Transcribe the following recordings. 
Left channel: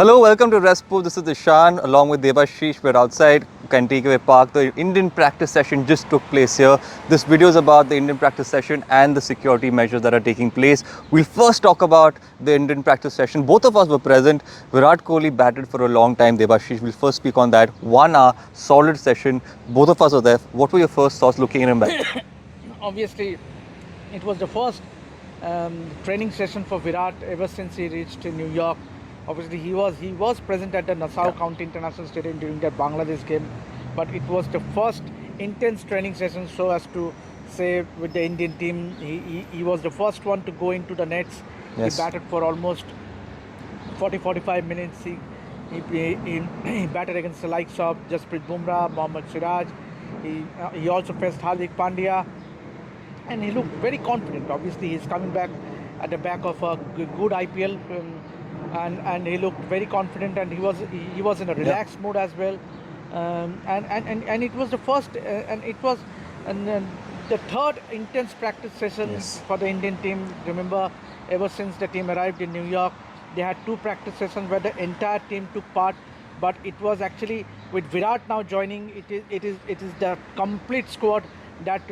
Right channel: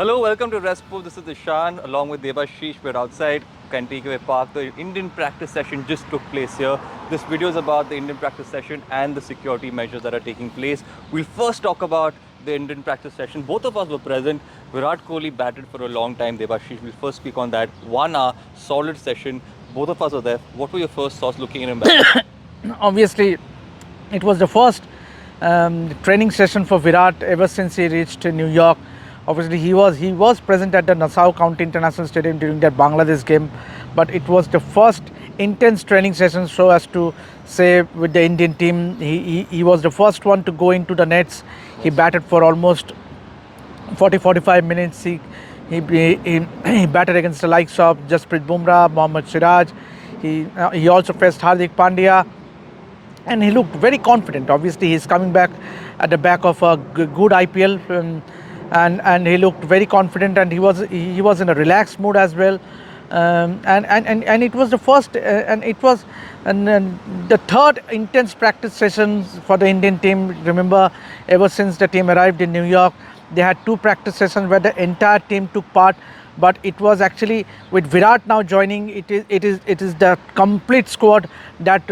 Hello, welcome to RevSportz. This is Ishaan along with Debasis. We're outside Cantigway Park. The Indian practice session just took place here. This video is about the Indian practice session and the security measures that are taking place. We'll first talk about the Indian practice session. Both of us were present. Virat Kohli batted for a long time. Debasis, we'll first speak on that. 1 hour, solid session. Both of us were there. What were your first thoughts looking at him back? Obviously, it was the first training session for Virat ever since he reached New York. Obviously, he was present at the Nassau County International Stadium during that Bangladesh game, but it was the first intense training session, so as to say, with the Indian team. He was the first one to go into the nets. Yes. He batted for almost 40-45 minutes. He batted against the likes of Jasprit Bumrah, Mohammad Siraj. He also faced Hardik Pandya, and he looked very confident. Obviously, he's coming back at the back of a good IPL. And he looked very confident, and he was in a relaxed mood as well, and it was the first and it was the third intense practice session for the Indian team. Remember, ever since the team arrived in New York, they had 2 practice sessions where the entire team took part. But it was actually with Virat now joining, it is the complete squad that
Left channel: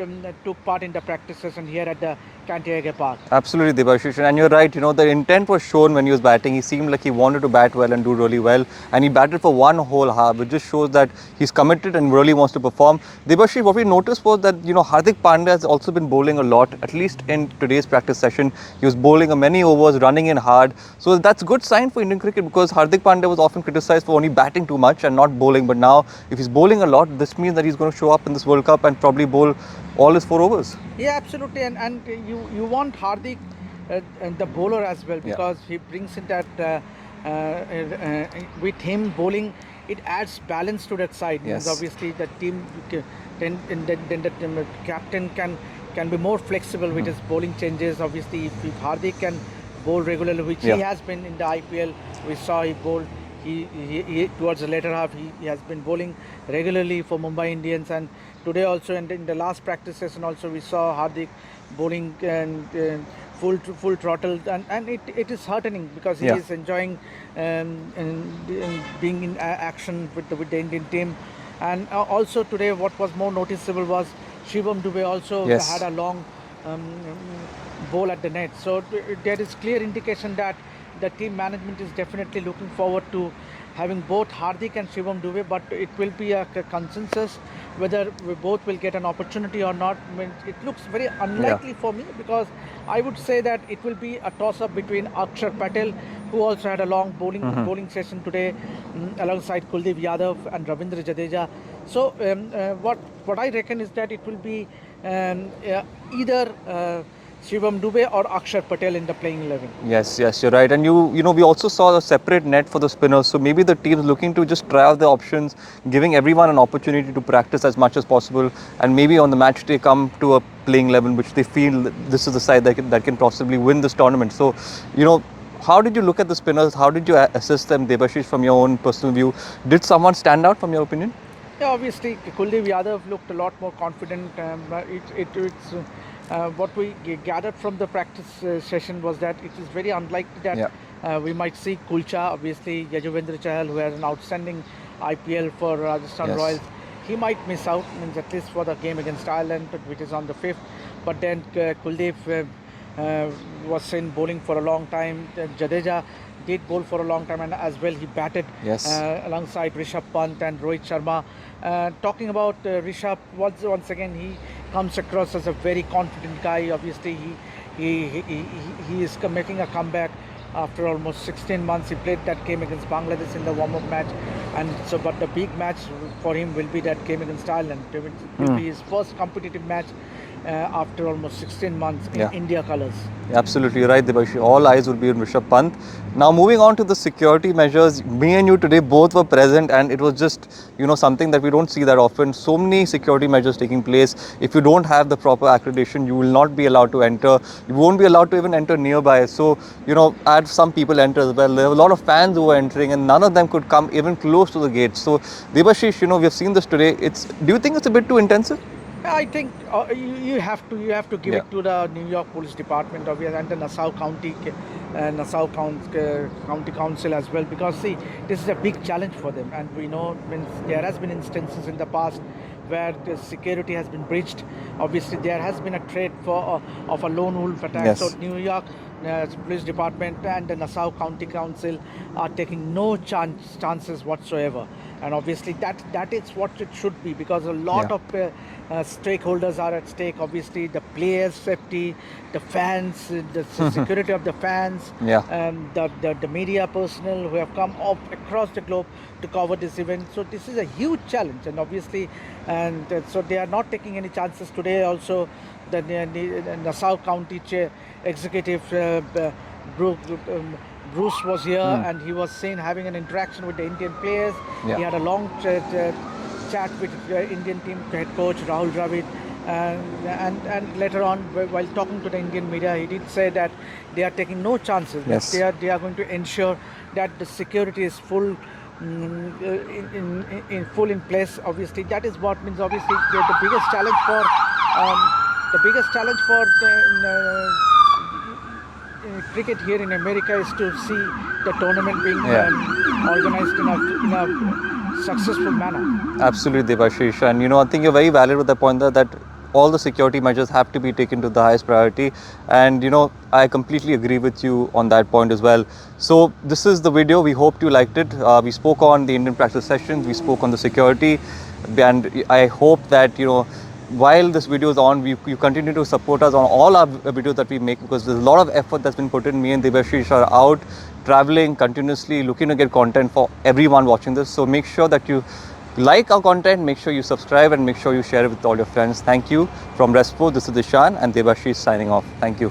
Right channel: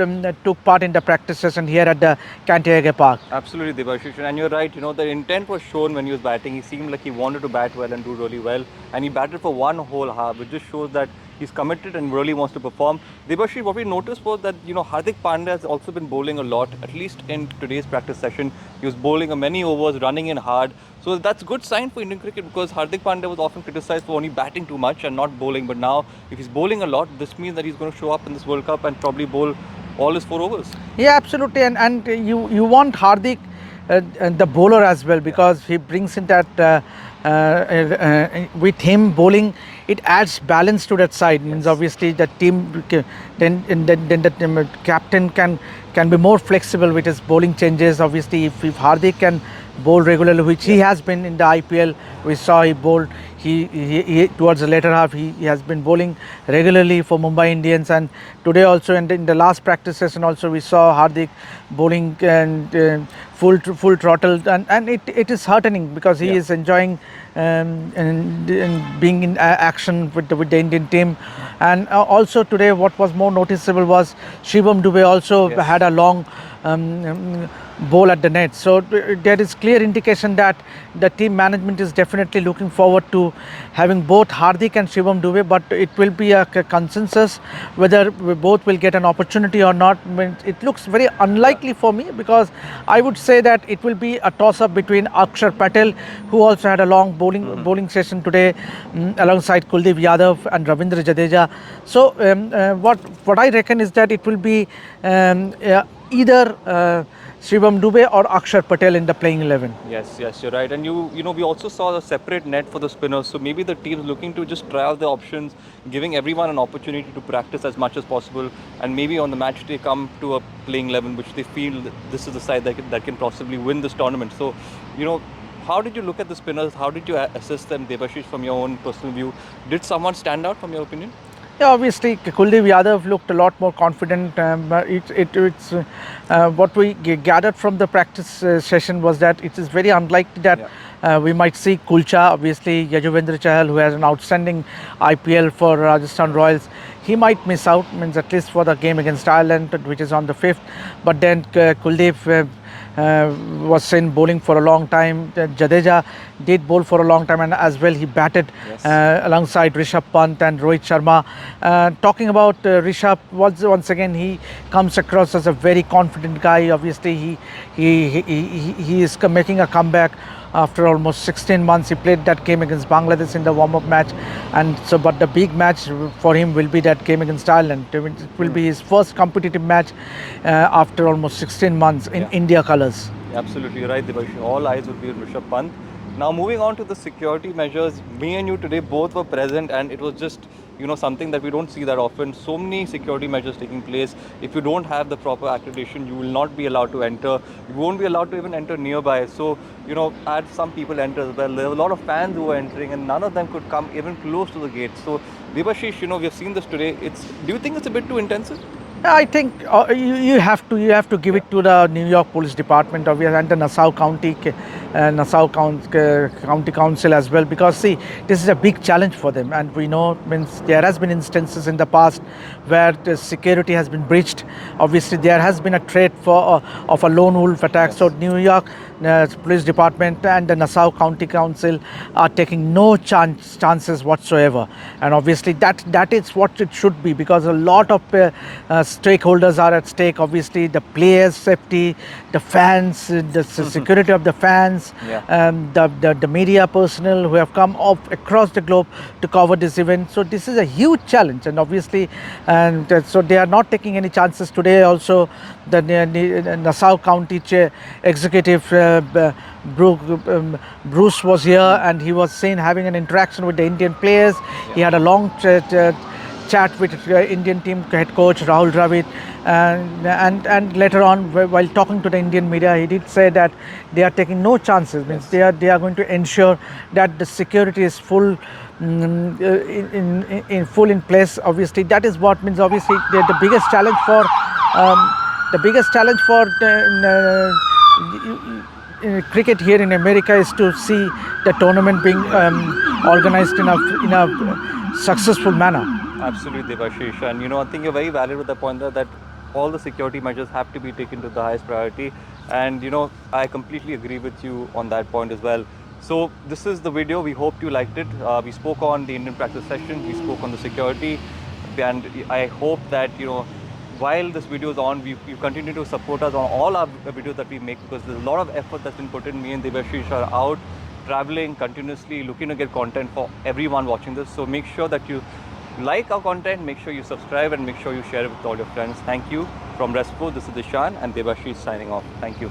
took part in the practice session here at the Cantigway Park. Absolutely, Debasis. And you're right, the intent was shown when he was batting. He seemed like he wanted to bat well and do really well. And he batted for one whole half, which just shows that he's committed and really wants to perform. Debasis, what we noticed was that, Hardik Pandya has also been bowling a lot, at least in today's practice session. He was bowling many overs, running in hard. So that's a good sign for Indian cricket, because Hardik Pandya was often criticized for only batting too much and not bowling. But now, if he's bowling a lot, this means that he's going to show up in this World Cup and probably bowl all his 4 overs. Yeah, absolutely. And you want Hardik, the bowler as well, because he brings in that with him bowling, it adds balance to that side. Yes. Means obviously the team then the captain can be more flexible with his bowling changes. Obviously, if Hardik can bowl regularly, which he has been in the IPL, we saw he bowled. He towards the later half, he has been bowling regularly for Mumbai Indians, and today also, and in the last practice session also, we saw Hardik bowling and full throttle, and it is heartening, because he is enjoying and being in action with the Indian team. And also today, what was more noticeable was Shivam Dube also had a long bowl at the net. So there is clear indication that the team management is definitely looking forward to having both Hardik and Shivam Dube, but it will be a consensus whether we both will get an opportunity or not. It looks very unlikely for me, because I would say that it will be a toss-up between Akshar Patel, who also had a long bowling session today, alongside Kuldeep Yadav and Ravindra Jadeja. So what I reckon is that it will be either Shivam Dube or Akshar Patel in the playing 11. Yes, you're right. And we also saw a separate net for the spinners. So maybe the team's looking to just try out the options, giving everyone an opportunity to practice as much as possible, and maybe on the match day come to a playing 11 which they feel this is the side that can possibly win this tournament. So, how did you look at the spinners? How did you assess them, Debasis, from your own personal view? Did someone stand out from your opinion? Yeah, obviously Kuldeep Yadav looked a lot more confident. It's what we gathered from the practice session was that it is very unlikely that we might see Kulcha. Obviously, Yajuvendra Chahal, who has an outstanding IPL for Rajasthan Royals, he might miss out, at least for the game against Ireland, which is on the 5th. But then Kuldeep was seen bowling for a long time. Jadeja did bowl for a long time, and as well he batted alongside Rishabh Pant and Rohit Sharma. Talking about Rishabh, once again he comes across as a very confident guy. Obviously he is making a comeback after almost 16 months. He played that game against Bangladesh in the warm-up match, and so but the big match for him will be that game against Ireland. It will be his first competitive match after almost 16 months in India colours. Absolutely right, Debasis. All eyes will be on Rishabh Pant. Now, moving on to the security measures, me and you today both were present, and it was just, something that we don't see that often. So many security measures taking place. If you don't have the proper accreditation, you will not be allowed to enter. You won't be allowed to even enter nearby. So, I had some people enter as well. There were a lot of fans who were entering, and none of them could come even close to the gate. So, Debasis, we have seen this today. Do you think it's a bit too intensive? I think you have to give it to the New York Police Department and the Nassau County County Council as well, because see, this is a big challenge for them, and we know there has been instances in the past where the security has been breached. Obviously, there has been a threat of a lone wolf attack. Yes. So New York Police Department and the Nassau County Council are taking no chances whatsoever, and obviously that is what it should be, because a lot of stakeholders are at stake. Obviously, the players' safety, the fans, the security of the fans, the media personnel who have come across the globe to cover this event. So this is a huge challenge, and obviously, so they are not taking any chances today. Also, the Nassau County executive Bruce was here, and he was seen having an interaction with the Indian players. He had a long chat with Indian team head coach Rahul Dravid, and later on, while talking to the Indian media, he did say that they are taking no chances. Yes. They are going to ensure that the security is full. In place. Obviously, that is what means. Obviously, the biggest challenge for cricket here in America is to see the tournament being organized in a successful manner. Absolutely, Debasis. And I think you're very valid with the point that all the security measures have to be taken to the highest priority, and I completely agree with you on that point as well. So this is the video. We hope you liked it. We spoke on the Indian practice sessions, we spoke on the security, and I hope that while this video is on, you continue to support us on all our videos that we make, because there's a lot of effort that's been put in. Me and Debasis are out traveling continuously, looking to get content for everyone watching this. So make sure that you like our content, make sure you subscribe, and make sure you share it with all your friends. Thank you. From RevSportz, this is Ishaan and Debasis signing off. Thank you.